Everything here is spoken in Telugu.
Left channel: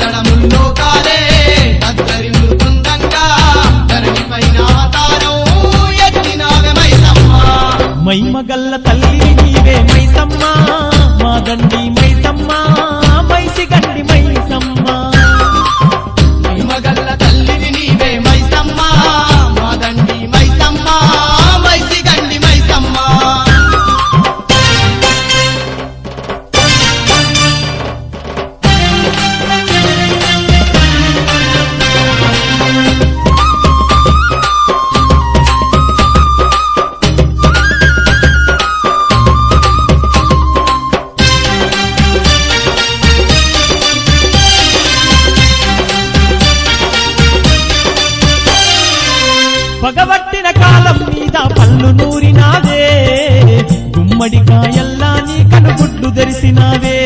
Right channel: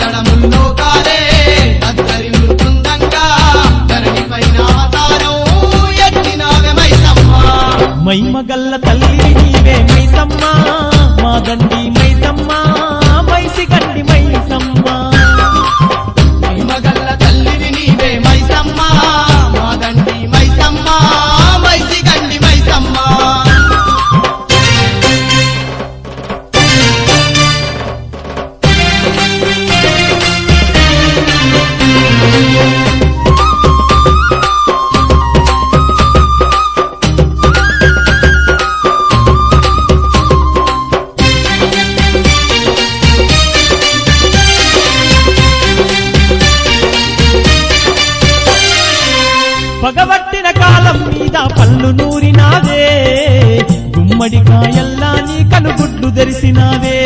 తడముల్లో కాలే దగ్గరి బృందంగా ధరణి పైన తారం ఎత్తినావే మైసమ్మ మైమగల్ల తల్లి నీవే మైసమ్మ మా దండి మైసమ్మ మైసి గండి మైసమ్మ మైమగల్ల తల్లివి నీవే మైసమ్మ మా దండి మైసమ్మ మైసి గండి మైసమ్మ పగబట్టిన కాలం మీద పళ్ళు నూరినాదే గుమ్మడికాయల్లా నీ కనుగుడ్లు తెరిసినాదే